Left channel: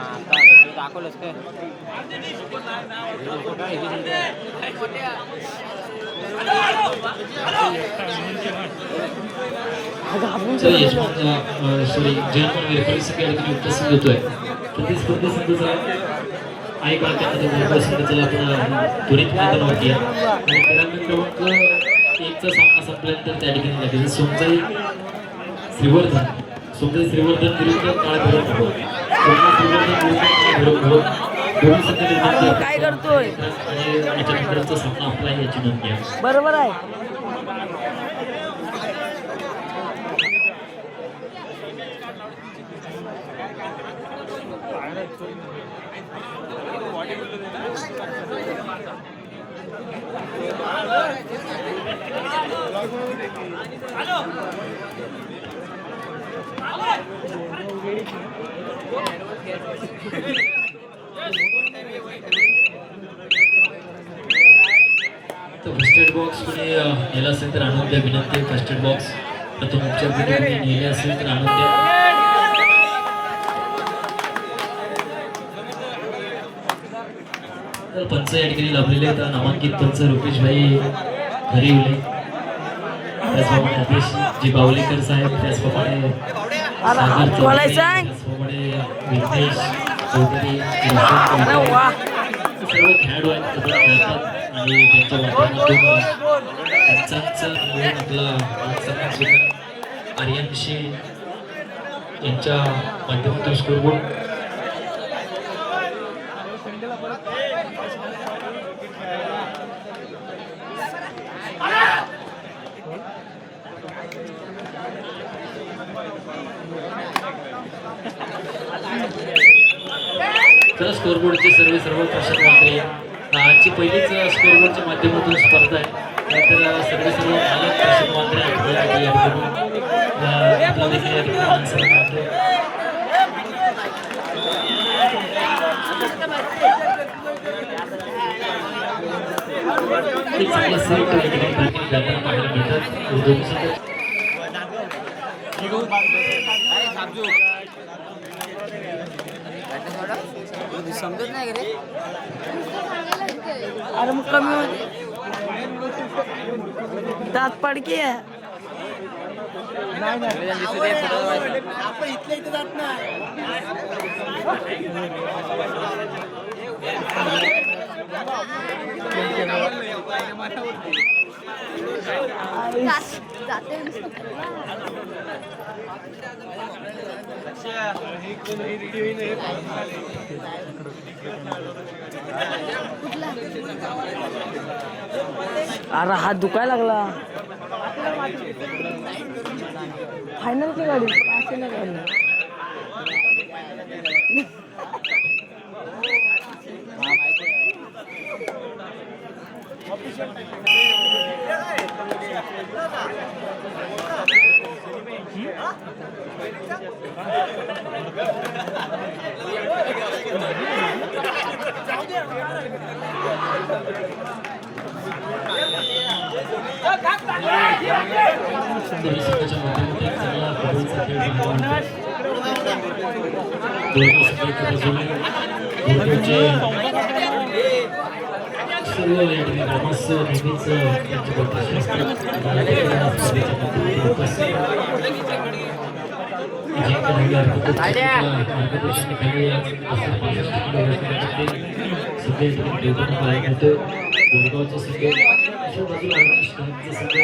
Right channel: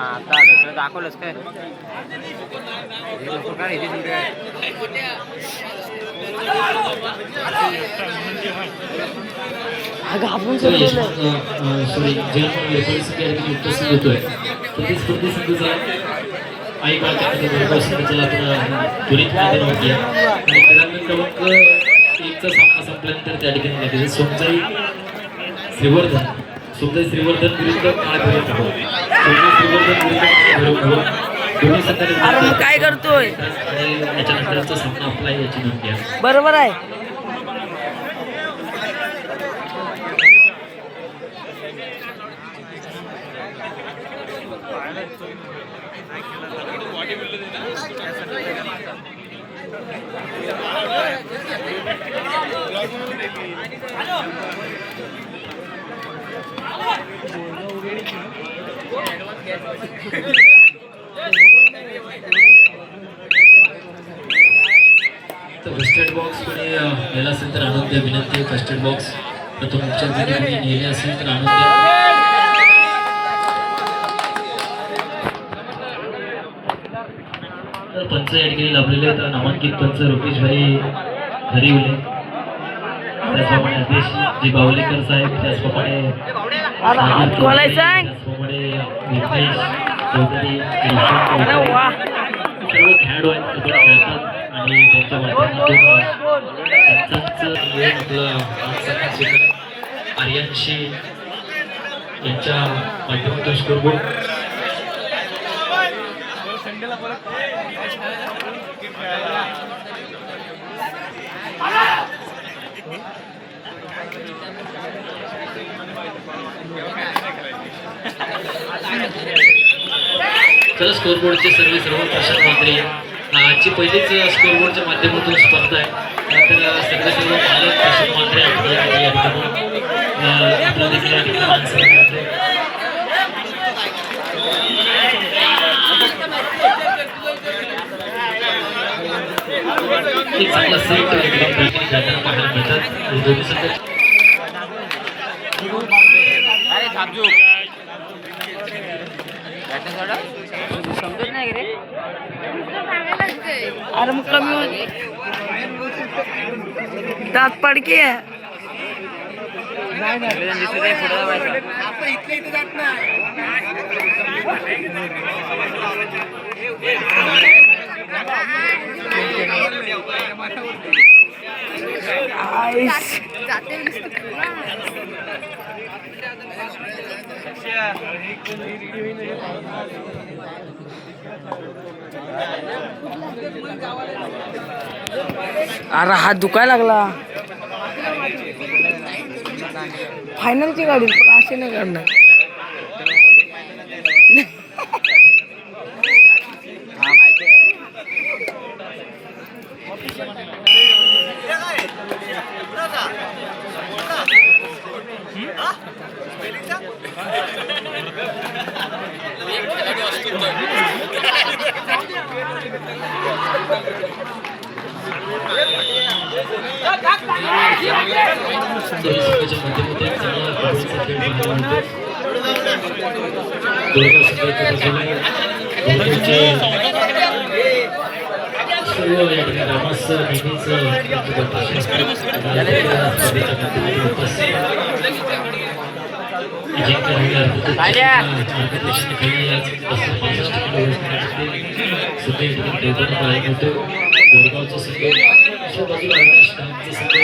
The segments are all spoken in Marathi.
आता दुसरं दाखवलंच काय हे लोक काय इथे सॉरी जयंत परिस्थिती या ठिकाणी उपस्थित होतोय प्रतिस्पर्धी संघाचा काही काळ त्यामध्ये संघाचा आपण त्वरित मैदानावरती आहे आणि त्यानंतर मग एकचा सामना संपल्यानंतर त्या ठिकाणी लागेल सोमजाई श्रीवर्धन विरुद्ध काय करतोय आणि याच्यानंतरचा सामना आपला याची नोंद घ्या. बरोबर आहे. फर्स्ट बॉक्स तुम्ही नेला असेल तर आणून द्या. विनंती फर्स्ट बॉक्स प्रथम उपचार तुम्ही नेले असेल तर आणून द्या. तर पंच या ठिकाणी लाभलेले आहेत. नामांकित पंच रुपेशभाई हरिवले, त्याचप्रमाणे अध्यक्ष जी बावलेकर साहेब, त्याचप्रमाणे विघ्नेश चौधरी, सर्व खेळाडू आहेत कबड्डी खेळतात आणि त्यांच्या माध्यमातून पंचांचं आपला आर्यनशी यांच्या माध्यमातून स्कोरबोर्ड तर स्कोरबोर्डचे सर्व प्रशांत म्हात्रे आजची पहिलीच स्कोरबोर्डच्या माध्यमातून स्पर्धा आहे. तर सर्व मालक प्रशांत म्हात्रे आपला देखील या ठिकाणी माणसं एक चांगला सेट या ठिकाणी जाताना पाहायला मिळतात. दोन्ही संघ अरे मग कमी होत दात पडके इथे जात नाही. अरे हात दुखायला लागला. फायनलची गाडी पण असे नाही करणार. सर्व या ठिकाणी रामास नेहमीच गोरगावचा संघ अशा बाजूला स्टाफचा संघ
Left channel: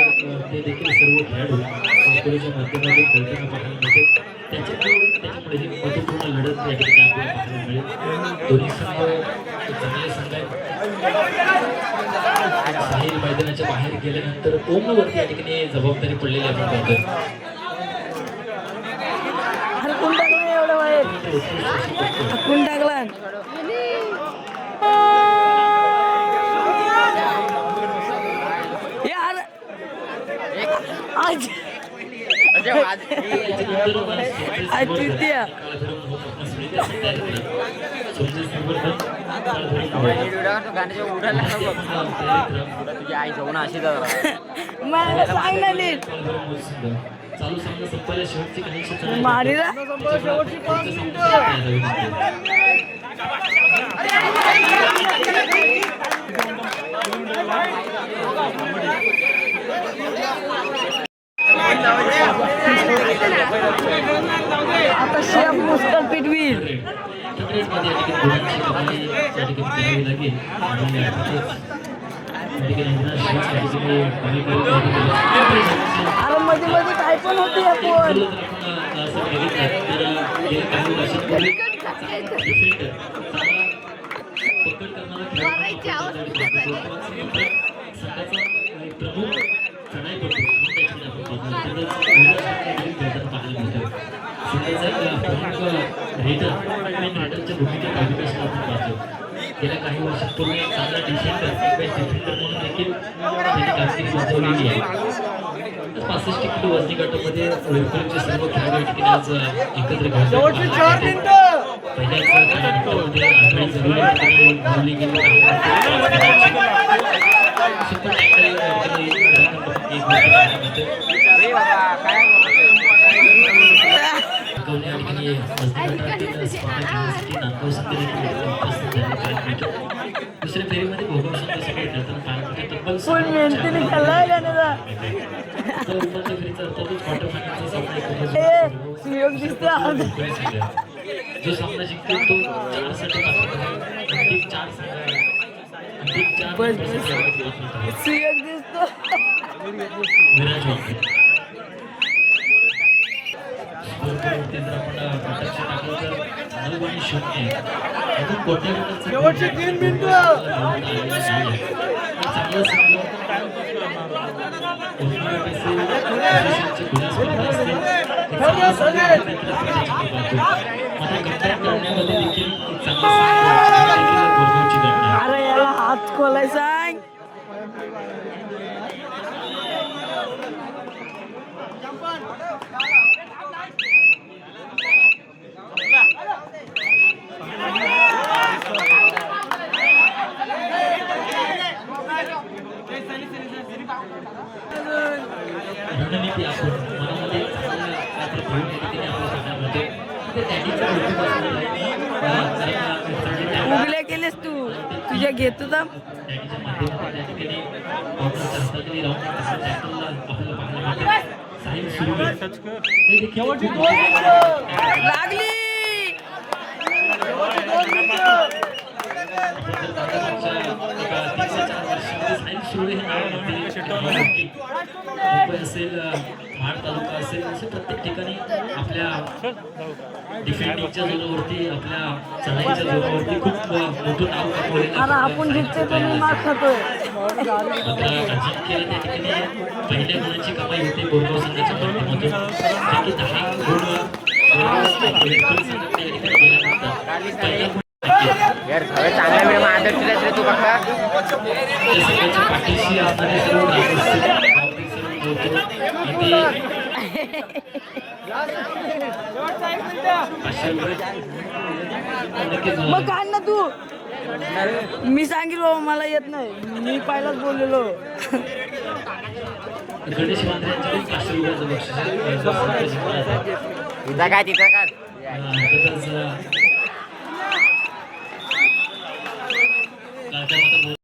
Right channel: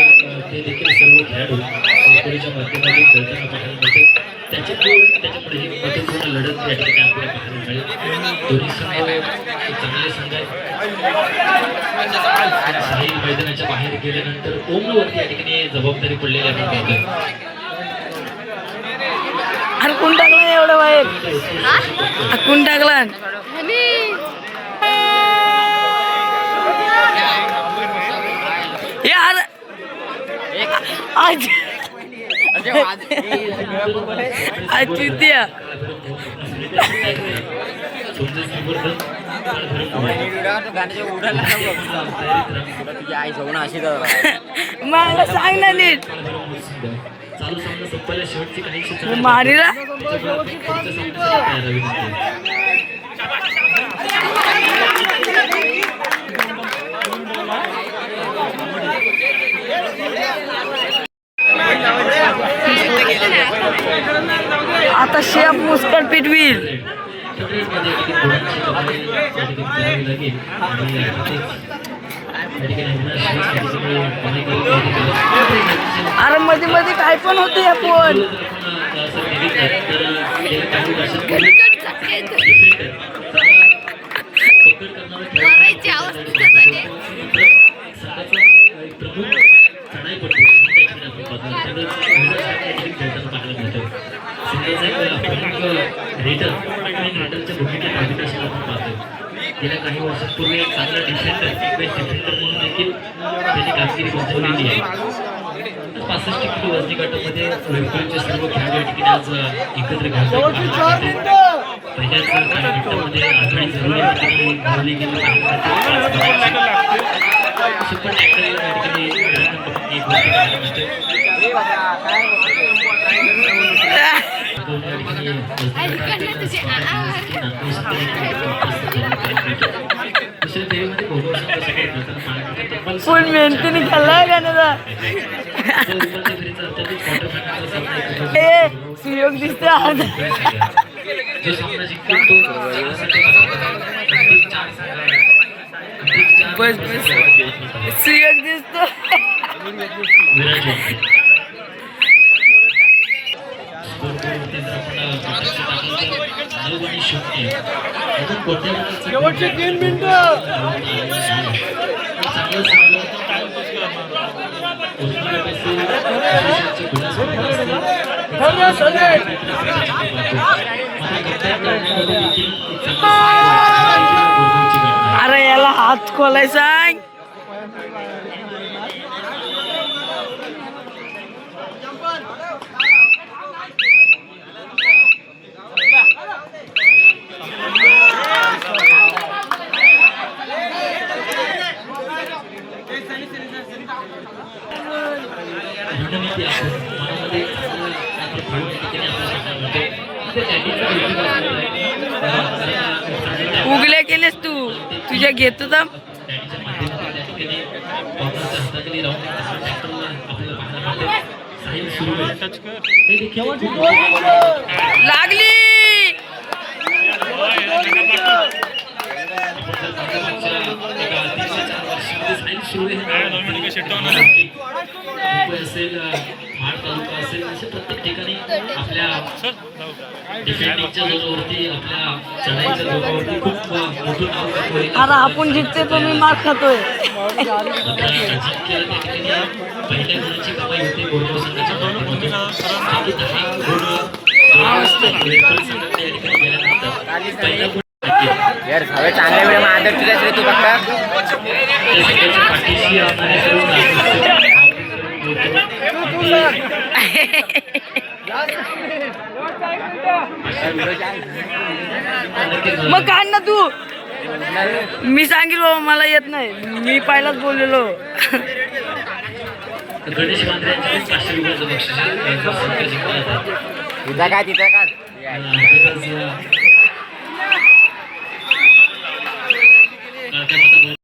ते देखील सर्व खेळाडू संकुलाच्या माध्यमातून खेळताना पाहायला मिळते. त्याच्यापुढे ही महत्त्वपूर्ण लढत या ठिकाणी आपल्याला पाहायला मिळेल. दोन्ही संघ चांगले संघ आहेत. साहिल मैदानाच्या बाहेर गेल्यानंतर ओमवरती या ठिकाणी जबाबदारी पडलेली आपण पाहतो. अरे कोण टाकला एवढं बाहेर? कोण टाकला? यार आज आदित्य मला सांग ना नीट मारीला आता शेप मुस्कट पिटवील. अरे मध्ये मध्ये काय पण होते आपण. गेल्या काही वर्षांपूर्वी चांगला डिफेंडर म्हणून देखील त्याची कामगिरी बजावलेली आहे. 65 किलो वजनी गटामध्ये विक्टोरीचे सर्व खेळाडू ठिकाणी आज एकत्र पहिल्याच गटामध्ये आघाडी जरूर गेली. सुपर टॅकल या फुल मेहनती निघालाय गाण्याचा. सुयोग दिसते आज. जो सामना जिंकतो तो बस बस सुयोग दिसतो. अरे याला हात खोलाय सांग. उगल्या केलेस तू तुझ्या घेतो तर लागली. असेल महाड तालुका असेल असे प्रत्येक ठिकाणी आपल्या डिफेंडिंगच्या जोरावरती आपल्या चढाईच्या जोरावरती खूप मोठं नाव कमवले. अरे आपण जिंकते तो मी मार खातोय. अजिंक्य त्या ठिकाणी पहिल्या गुणाची कमाई होते बोरगाव संघाच्या माध्यमातून. 10 गुण संघाकडे या ठिकाणी गेल्यानंतर पहिल्या यार सगळे चांगल्या वेळ आदर केल्यास रे तू फक्त पाठीशी असणारे सर्व मग काढ ना तू. मी सांगेल बाबा मला येत नाही. मी पहिलाच बोललेलो. गणेश मांजऱ्यांचे 500 रुपयाचं बक्षीस तुझा काय तिथं काय